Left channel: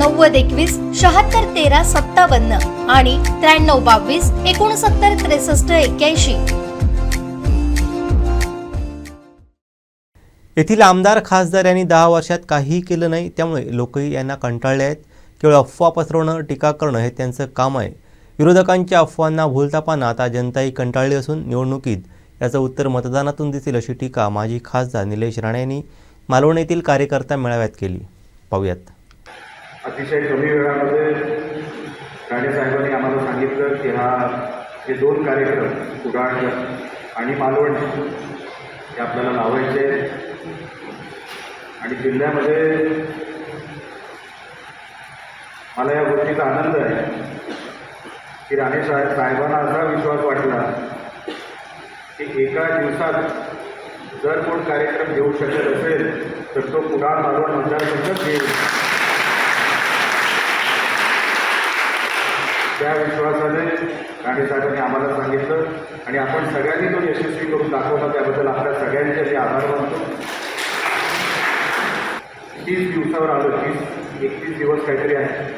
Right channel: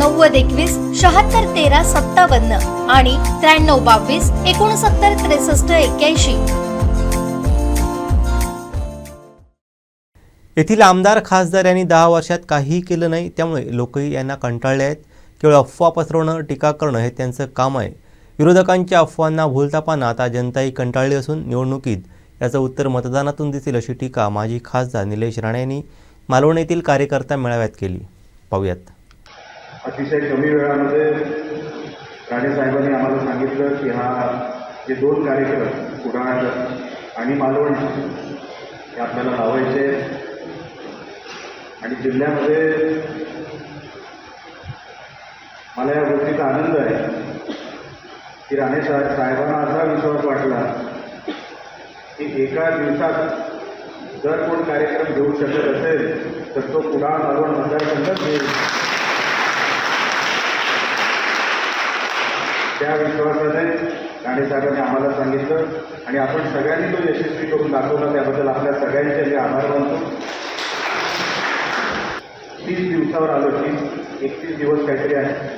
नव्वद एकवीस शहात्तर तेरा सत्तावन्न आणि त्र्याण्णव बावीस एकोणसत्तर त्रेसष्ट एक्क्याऐंशी. येथील आमदार खासदार यांनी दहा वर्षात काहीही केलं नाही त्यामुळे लोकही यांना कंटाळले आहेत. केवळ अफवा पसरवणं टीका करणं हे त्यांचं काम आहे. विरोधकांच्या अफवांना भूलतापाना आता जनताही कंटाळली असून निवडणुकीत याचं उत्तर मतदानातून दिसेल अशी टीका माजी खासदार निलेश राणे यांनी मालवण येथील कार्यकर्ता मेळाव्यात केली. पाहूयात. अतिशय कमी वेळामध्ये राणेसाहेबांनी आम्हाला सांगितलं की हा हे दोन कार्यक्रम कुडाळ आणि मालवण हे आपल्याला लावायचे आणि जिल्ह्यामध्ये मला या गोष्टीचा आनंद आहे की राणे साहेब साहेबांना असा विश्वास वाटला की एका दिवसात जर कोण कार्यक्रम घेऊ शकत असेल तर तो कुडाळ मालवण मतदारसंघात येईल. त्या विश्वासाने राणे साहेबांनी आम्हाला सांगितलं आणि आपण सगळ्यांनी तो यशस्वी करून दाखवला. त्याबद्दल आपल्या सगळ्यांचे मी आभार मानतो. तीस दिवसावर आलो. तीस एकतीस दिवस काहीतरी आहे.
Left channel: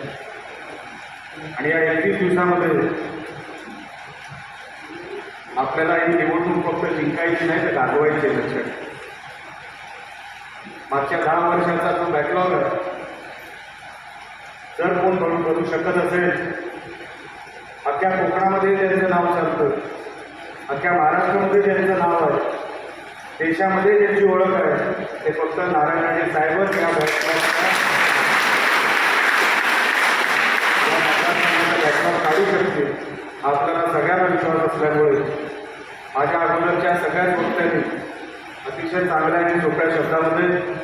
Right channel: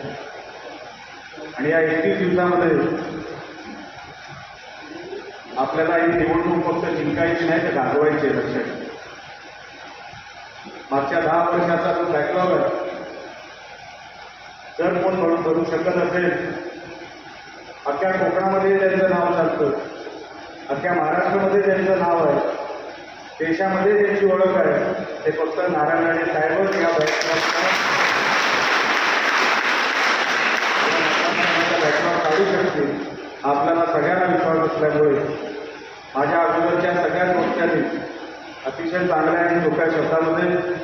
आणि या एकतीस दिवसामध्ये आपल्याला ही निवडणूक फक्त जिंकायची नाही तर दाखवायची आहे लक्षात. मागच्या दहा वर्षाचा जो बॅकलॉग आहे जर कोण करून करू शकत असेल अख्ख्या कोकणामध्ये त्यांचं नाव चालतं. अख्ख्या महाराष्ट्रामध्ये त्यांचं नाव आहे. देशामध्ये त्यांची ओळख आहे. ते फक्त नारायण राणे साहेबच या बॅकलॉग काढू शकतील. आपल्याला सगळ्यांना विश्वास असल्यामुळे. माझ्या अगोदरच्या सगळ्याच वक्त्यांनी अतिशय चांगल्या आणि सोप्या शब्दामध्ये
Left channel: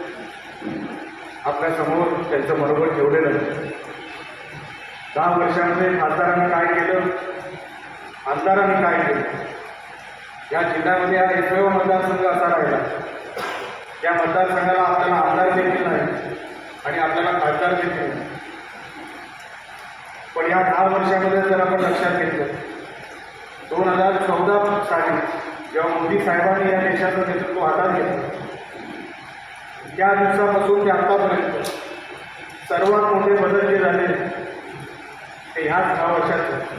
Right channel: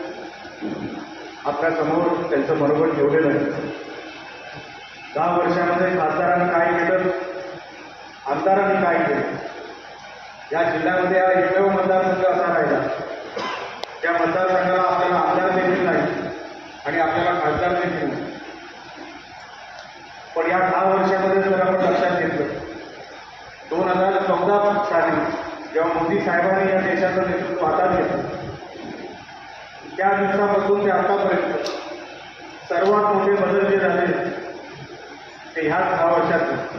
आपल्यासमोर त्यांचं मनोबल ठेवलेलं आहे. दहा वर्षामध्ये खासदारांनी काय केलं? आमदारांनी काय केलं? या जिल्ह्यामध्ये हा एकमेव मतदारसंघ असा राहिला. त्या मतदारसंघाला आपल्याला आमदार देखील नाही आणि आपल्याला खासदार देखील नाही. पण या दहा वर्षामध्ये जर आपण लक्षात घेतलं दोन हजार चौदा साली जेव्हा मोदी साहेबांनी या देशाचं नेतृत्व हातात घेतलं त्या दिवसापासून ते आतापर्यंत सर्वात मोठे बदल जे झाले ते ह्याच दहा वर्षात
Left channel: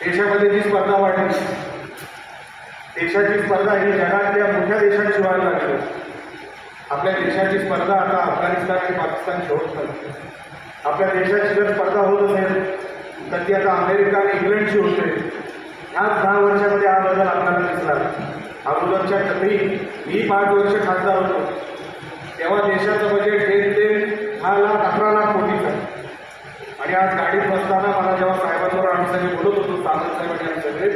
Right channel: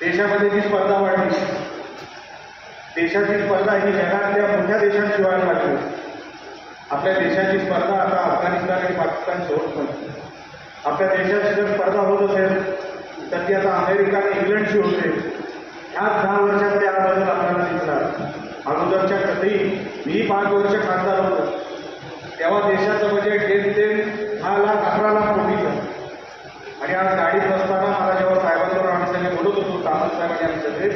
देशामध्ये जी स्पर्धा वाढली देशाची स्पर्धा ही जगातल्या मोठ्या देशांची व्हायला लागली. आपल्या देशाची स्पर्धा आता अफगाणिस्तान आणि पाकिस्तान होत नाही आपल्या देशाची जर स्पर्धा होत असेल तर ती आता अमेरिका आणि इंग्लंडची होते ह्याच दहा वर्षामध्ये हा बदल आपल्याला दिसला अगोदरच्या कधी मी पाच वर्ष खासदार होतो तेव्हा देशाचं बजेट हे ते दहा लाख अकरा लाख कोटीचं आणि आज गाडीत बसताना मला जेव्हा साहेबांवर आम्ही सगळे बोलत होतो सामंत साहेब आणि आम्ही सगळे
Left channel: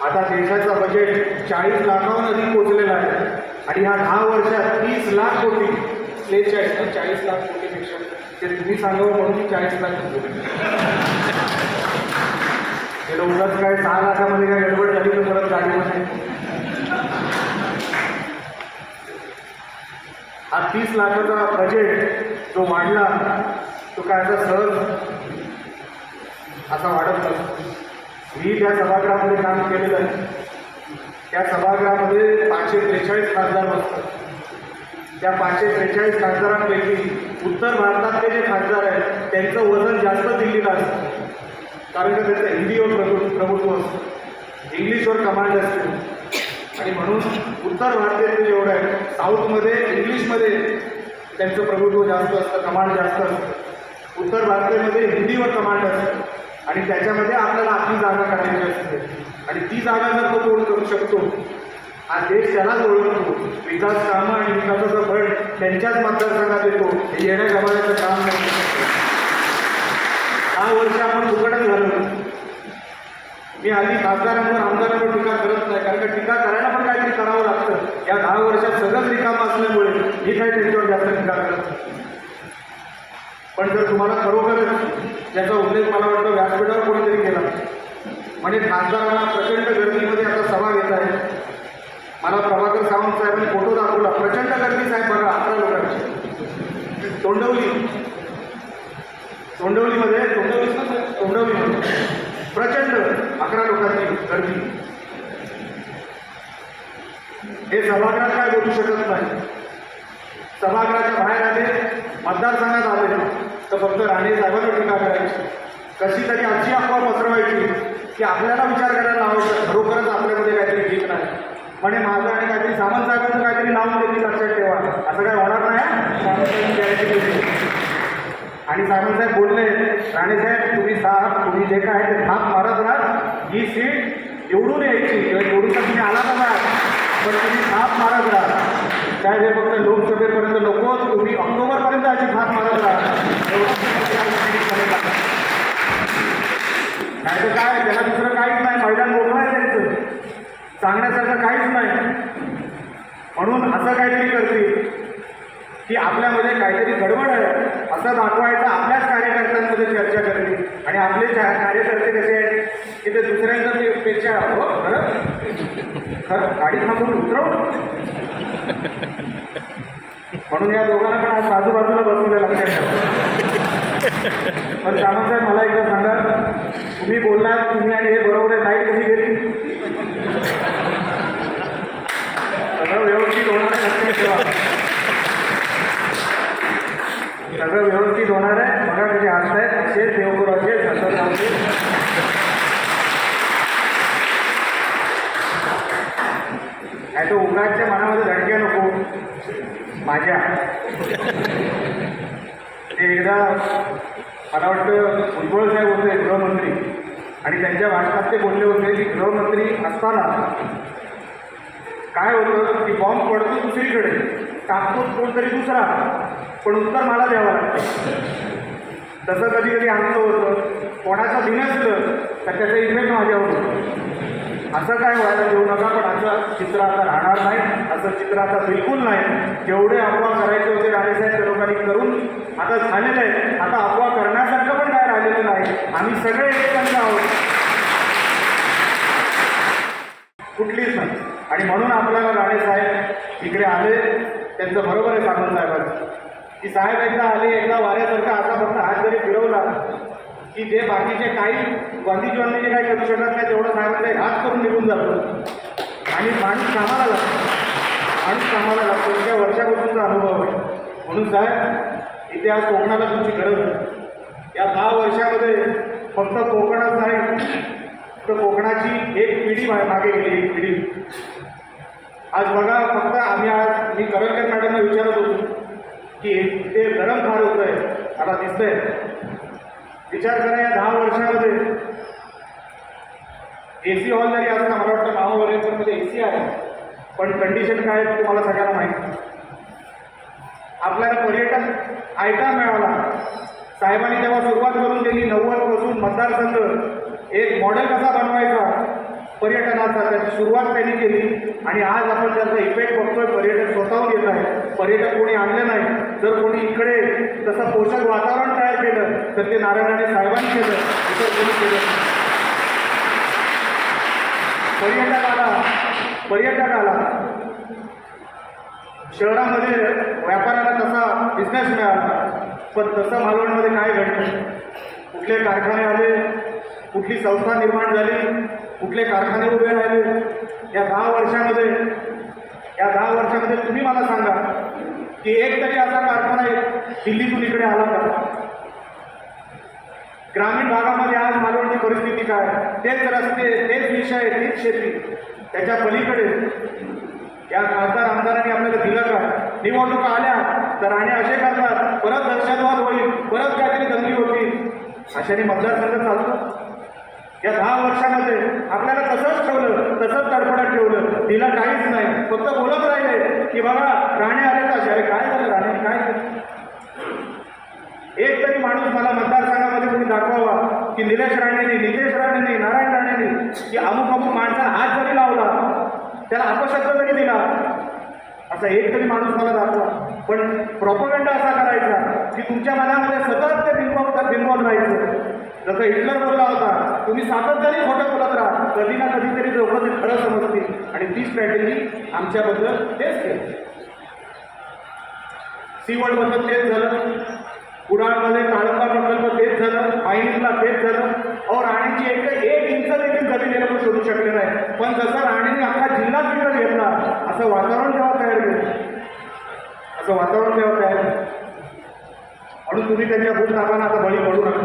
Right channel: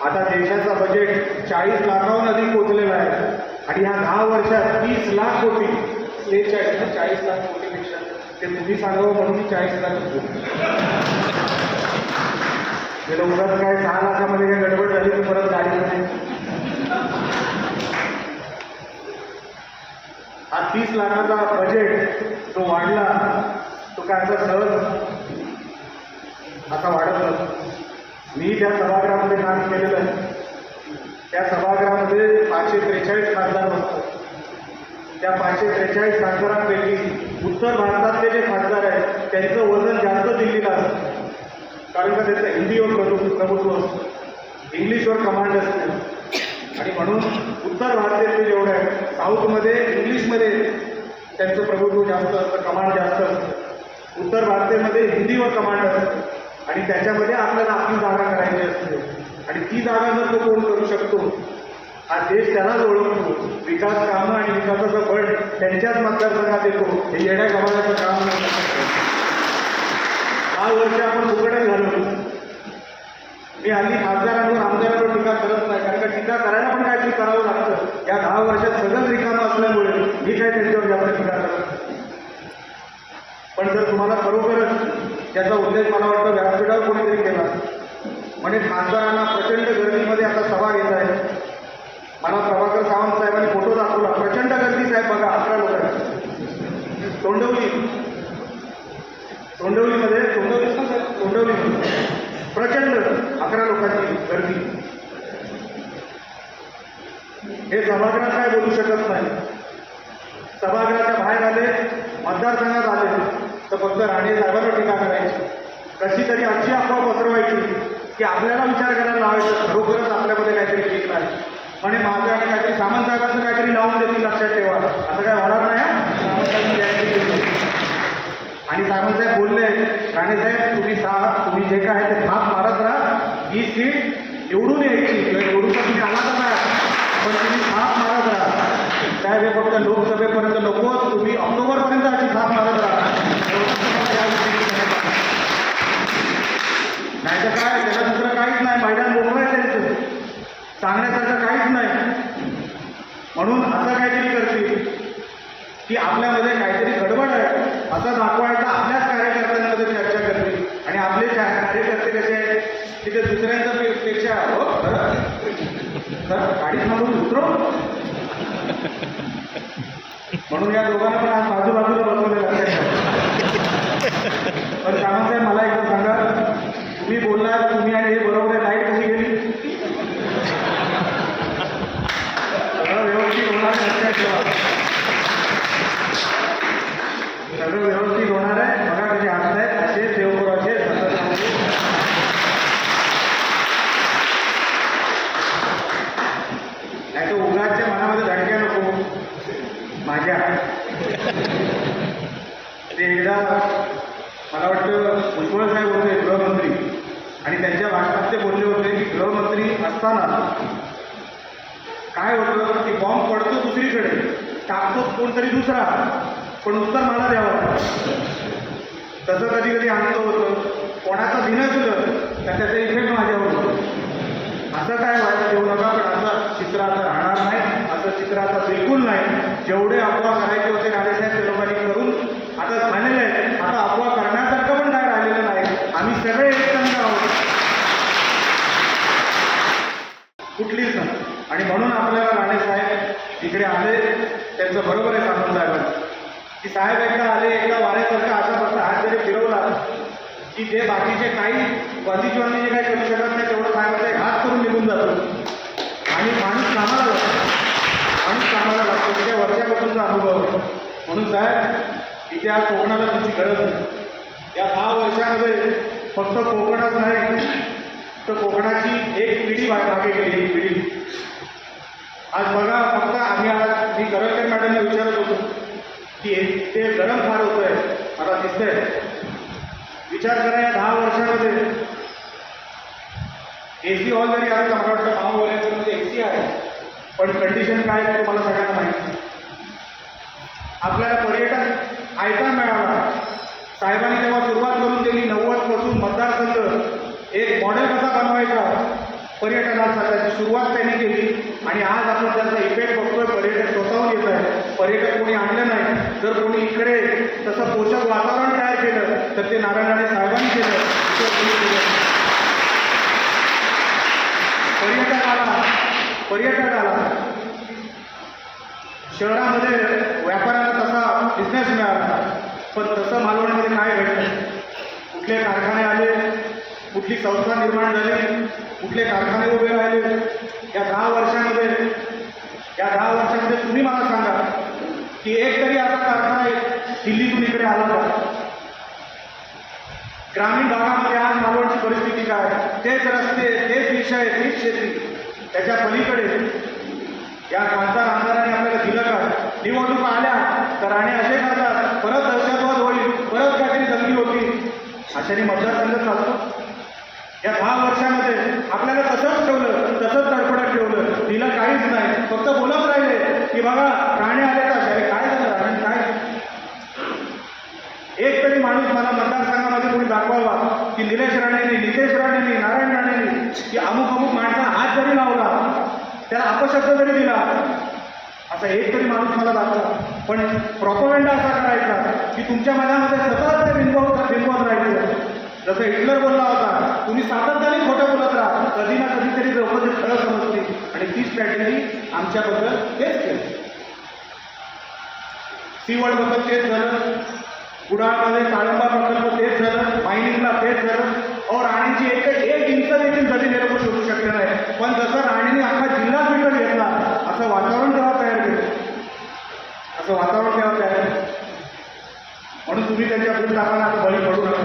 आता देशाचं बजेट चाळीस लाखाहून अधिक पोहोचलेलं आहे. आणि ह्या दहा वर्षात तीस लाख कोटी त्रेचाळीस ना चाळीस लाख कोटीपेक्षा ते तुम्ही सांगावं म्हणून की चाळीस लाख कोटी उगाच काय सहा लाखामध्ये काय गडबड झाली तर परत गाडीमध्ये. हा तीस लाखाचा बजेट जो वाढला तो काय असा सहज असा वाढत नाही. मी त्या सभागृहामध्ये काम केलेलं आहे त्या सभागृहामध्ये पाचशे त्रेचाळीस खासदार बसतात. त्या पाचशे त्रेचाळीस खासदारांपैकी उत्तर भारतातले जे खासदार आहेत त्यांचं वजन जास्त दिल्लीला असतं. कारण का त्याचं हिंदीवर प्रभु प्रभुत्व असतं. इंग्लिशवर कमांड असते. आणि म्हणून उत्तर भारतातले जेवढं आहे साऊथमध्ये इंग्लिशमध्ये त्यांचं प्रभुत्व जास्त असतं कमांड जास्त असतं. उत्तर भारतामध्ये हिंदीवर कमांड असतं. आणि त्याच्यामध्ये आपल्याला आपली जागा करायची असते. आणि ती जागा जर तो कोण करू शकतो हा देश त्यालाच ओळखतो. विकास कामं आणि विकासाचं फळ त्यांच्याच मतदारसंघात येतो हे येण्या गमाण्याचं काम नाही. दहा वर्ष आपण फुकटच झालो मी हल्ली खासदारांवर आमदारांवर टीका करत नाही कारण का टीका करायला पण काहीतरी करावं लागतं. या दहा वर्षात सगळंच रिकामं असल्यामुळे मी काही त्यांच्यावर जास्त टीका करत पण जर तुम्हाला खरोखरच त्याचा उल्लेख मला वाटतं व्यासपीठावर कोणीतरी केला. म्हणजे खासदारांना प्रचंड गर्दीमध्ये आता सभा घेत आहे मला प्रभाकर सावंत साहेबांनी फोटो दाखवला. प्रचंड गर्दी साहेब बघा अकरा लोकांची. तोंडवली. तोंडवलीमध्ये तोंडवली तोंडवलीमध्ये. प्रचंड अकरा लोकांची गर्दी. हे सभागृहात काय बोलू शकत नाही. सभागृहाच्या बाहेर आले मतदारसंघात आले. तर फक्त राणे साहेबांना टीका करायची. कशी तरी अशी अफवा पसरवायची की आपल्याला विचार करायला लावायचा खरोखरच आपल्यामध्ये काहीतरी ठीक नाही. म्हणे माझं आणि काहीतरी सामंत साहेबांचं काहीतरी नाव म्हणजे देतील लक्षात ठेवा. असं काय होणार नाही आणि सामंत साहेब बोलले राणे साहेब तुम्ही सा तुम्ही जे काय आहे ते थाप मारत राहा. ही सीट एवढून यायची किंवा एवढून तर तुम्ही आला का पण तुम्ही थाप मारत राहा. साहेब हे फक्त लोकसभेपर्यंत नको तुम्ही ऑक्टोबरपर्यंत अशी थाप मारत राहा नाही तर काय त्याला दुसरं काहीच नाही मैदान मोकळं आहे त्यांचं सांगण्यासारखं काहीच नाही. म्हणून असं काहीतरी करतील की आपल्यामध्ये काहीतरी गडबड आहे. असं दाखवायचं आपल्याच कार्यकर्त्यांमध्ये चर्चा करते आणि आपले कार्यकर्ते कसे आहेत की ते दुसऱ्यांच्या पेक्षा हो खरं? खरं गाडी थांबून उतरव. म्हणून या दोघांना पण आज बाजूबाजूला बसवलं पण साहेब मला एकदा सांगा. तुम्ही बोललात तुम्ही आणि हे बरोबर आहे लाइट कशी गेली सगळं व्यवस्थित होणार लक्षात ठेवा. सगळं व्यवस्थित होणार आहे. बघा हात आहेत. असे देवगुराचे नाही तर उगाच्या मनामध्ये धडके नको. माझ्या. ते एकदा मला वाटतं भुजबळ साहेब होते गृहमंत्री. आणि त्यांच्या भाषणात ते बोलले होते की गृहमंत्री असताना काय होतं की बॉम्ब पडतो दुसरीकडे. टाकतो कोणतरी दुसरा. पण उत्तर मला द्यावं तसं कधी कधी आनंद होतं. कोणाचं बिनसलं तर त्याचा इफेक्ट माझ्यावर होतो. असं काय व्हायला देऊ नका पण असं चित्र आता राहणार नाही. असं चित्र आता बिलकुल नाही. जेवढे अफवा करायचे होते राणेसाहेब त्या लोकांनी करून आता झालेले आहे आता अफवा करण्यासारखं पण काय राहिलेलं नाही. आम्ही सगळे एकत्र आहोत. कुठलीच नाही आणि म्हणून आपल्याला राणेसाहेब इकडे आले. त्यांचं बरोबर आहे सामंत साहेब की साहेब एकदा आले एकदा वाऱ्यासारखा असा फक्त हात जरी फिरवला की जे बाकीचे काही गांधीजीवांनी जे काही करू शकत नाही तेवढं साहेबांचा एक हात करून निघून जातो. आणि माणूस कामाला लागतो. माणूस कामाला लागतो. त्याच्या वर्षापासूनचा अनुभव आहे. म्हणून साहेब इथे आज कोकणाला तुमची गरज आहे. या दहा वर्षामध्ये फक्त कोकणात नाही तर कोकणाची एक पिढी मागे गेली एक पिढी. आज बघा फक्त आम्ही आज मी करलकर मॅडमला विचारत होतो. की ते गरम फार होत आहे आता दिसतंय. विचार करण्या या दहा वर्षामध्ये. ए सी हॉल जरी असं मला वाटतं महावॉलेजमध्ये ए सी आहे. पण कंडिशन काय आहे तुम्हाला सगळ्यांना माहिती आपल्याला पर्यटन ऐका मिळाला. साहेबांनी तेव्हा सुरुवात करून दिली नव्वदपासून मतदारसंघ. एक मॉडेल कसा बनवायचा? पर्यटनाचा. त्याची सुरुवात त्यांनी केली. आणि आज आपण त्याचा इफेक्ट बघतोय पर्यटन स्वतःहून येत आहे पर्यटक कोणी आणले नाही जर कोणी इकडे तसं पोषक वातावरण तयार केलं तर ते नारायणाने साहेबांनी केलं इतर कोणी केलं पर्यटकाला पर्यटकाला शहरामध्ये व्यापाऱ्याला तसा बिझनेस मिळाला पण तसं मालवणमध्ये काय घडलं? कुठले कारखाने आले? कुठली संस्था निर्माण झाली? कुठले कारखाने उभे राहिले? या दहा वर्षामध्ये या दहा वर्षामध्ये तुम्ही मला सांगा की एक तरी असा कारखाना एक दिल्लीतून इकडे आला का ग्रामीण भागामध्ये आज मालवणची परिस्थिती काय? तेच रस्ते तेच विषय तीच शेती. त्याच्या पलीकडे या खासदार आमदारांनी आपल्याला दिलं का? निवडणूक आल्या तर आणि असे करतात परत दहशतवाद होईल परत काहीतरी दंगली होती अशाने मतदारसंघ चालतो. या दहा वर्षामध्ये आपल्याला तसंच ठेवलं तसंच तडफडत ठेवलं. तिला काहीच नाही. फक्त बोलत राहिले की बघा राणे आले का अरे काय झालं राणे काय झालं? एक तरी माणूस मला मतदारसंघामध्ये कोणी दाखवावा की निलेश राणेने नितेश राणेने नारायण राणेने की अमुक अमुक माणसा हात जरी लावला त्याला अपशब्द जरी दिला असा एक तरी माणूस मला दाखवा. पण प्रॉपगंडा असा करायचा की तुमच्या मनामध्ये सतत ते बिंबवत बिंबवत राहायचं. जसं हिटलर बोलला होता तुम्ही सातत्याने खोटं बोलत राहा. कधी ना कधीतरी लोक ते खरं समजतील. आणि ती स्ट्रॅटेजी आमच्याबद्दल तेच केलं. सी सीवडबद्दल तेच झालं. कुडाळमध्ये काळंबा प्रकल्प तेच झालं मायनिंगला तेच झालं. और राणीची एक एक इंच देखील जमीन हे लोक शोधू शकले नाही. पण जसं राणीने अख्खा जिल्हा विकत घेतला असं वातावरण तेव्हा तयार केलं. असं वातावरण तेव्हा तयार म्हणून तुम्ही त्यांच्या भूत टाकांना आता बळी पडू नका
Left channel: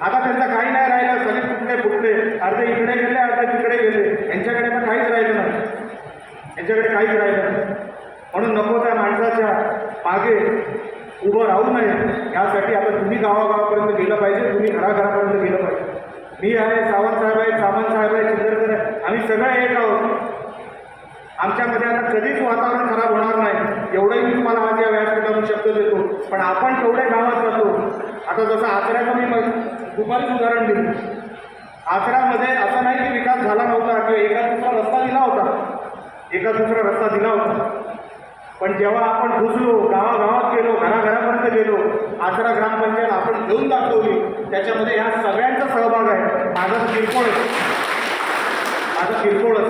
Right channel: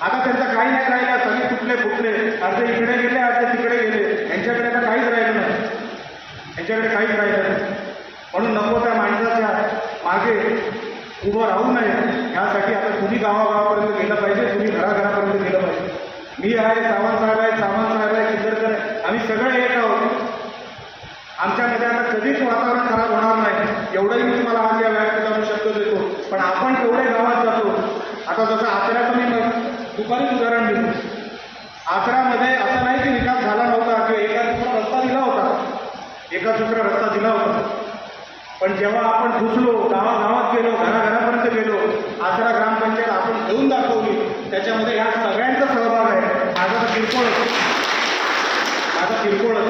आता त्यांचं काही नाही राहिलं सगळे कुठले फुटले अर्धे इकडे गेले अर्धे तिकडे गेले यांच्याकडे आता काहीच राहिलं नाही यांच्याकडे काहीच राहिलं नाही म्हणून नको त्या माणसाच्या मागे उभं राहू नये यासाठी आता तुम्ही गावागावापर्यंत गेलं पाहिजे तुम्ही घराघरापर्यंत गेलं पाहिजे मी आहे सावंत साहेब आहे सावंत साहेब आहे चिंदरकर आहे आम्ही सगळे एक आहोत आमच्यामध्ये आता कधीच वातावरण खराब होणार नाही एवढंही मी तुम्हाला आज या व्यासपीठावर शब्द देतो पण आपण केवढे गावात जातो आता जसं आचऱ्याचं मी मग दुपारीच उदाहरण दिलं आचऱ्यामध्ये असं नाही की विकास झाला नव्हता किंवा एका दुसरा रस्ता दिला होता एका दुसरा रस्ता दिला होता पण पोचलो गावागावात गेलो घराघरापर्यंत गेलो. आचरा ग्रामपंचायत आपण घेऊन दाखवली. त्याच्यामध्ये ह्या सगळ्यांचा सहभाग आहे. माझा किरकोळ माझा किरकोळच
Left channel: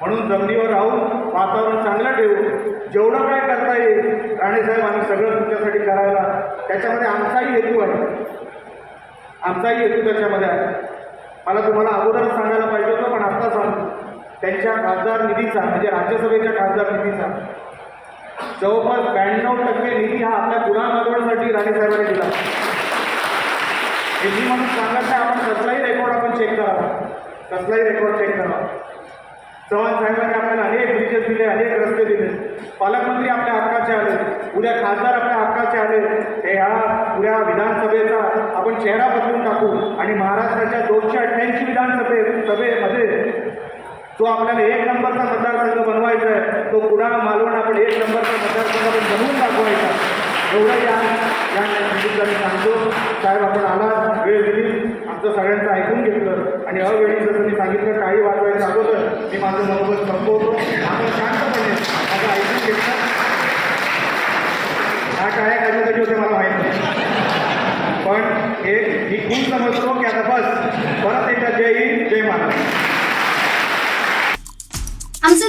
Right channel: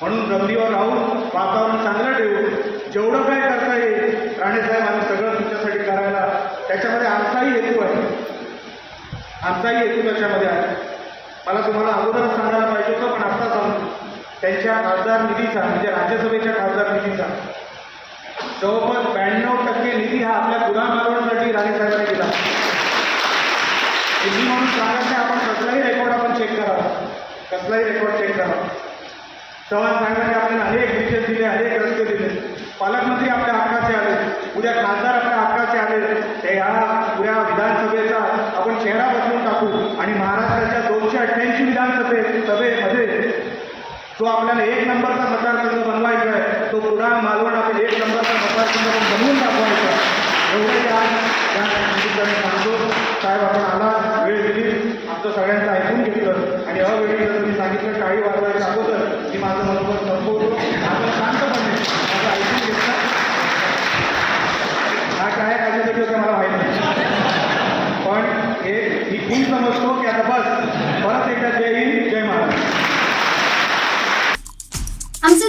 म्हणून जमिनीवर राहून वातावरण चांगलं ठेवून जेवढं काय करता येईल राणेसाहेब आम्ही सगळं तुमच्यासाठी करायला. त्याच्यामध्ये आमचाही हेतू आहे. आमचाही हेतू त्याच्यामध्ये आहे. मला तुम्हाला अगोदर सांगायला पाहिजे होतं पण आत्ता सांगतो. त्यांच्या खासदार निधीचा म्हणजे राज्यसभेच्या खासदार निधीचा जवळपास ब्याण्णव टक्के निधी हा आपल्या गुन्हा मागवण्यासाठी राणेसाहेबांनी दिला. मी म्हणून सांगत नाही आपण कसलाही रेकॉर्ड आपण चेक करावा कसलाही रेकॉर्ड चेक करावा चव्हाण साहेबांनी आपल्याला अनेक ब्रिजेस दिले अनेक रस्ते दिले. पालकमंत्री आपल्या हक्काचे आले. उद्या खासदार आपल्या हक्काचे आले. ते ह्या उद्या विधानसभेचा आपण चेहरा बदलून टाकू आणि महाराष्ट्राच्या दोनशे अठ्ठ्याऐंशी विधानसभे सभेत तो आपल्याला एक नंबरचा मतदारसंघ बनवायचा आहे. तो कुडाळ मालवण आपण एक नंबरचा मतदारसंघ आपण बनवून दाखवायचा एवढं या या सांगतो. साहेब आपण आला वेळ दिली. आमचं सगळ्यांचं ऐकून घेतलं. आणि अवेळी जर मी सांगितलं टाळी वाजवायच्या अगोदर मी माझं मनोबल संपवतो. आपण शांतपणे माझं ऐकून घेतलं हा टाळ्या कशासाठी होत्या मला माहीत नाही पण हे मी खूप समजतो की आता बस परत एकदा जय हिंद जय महाराष्ट्र आमचे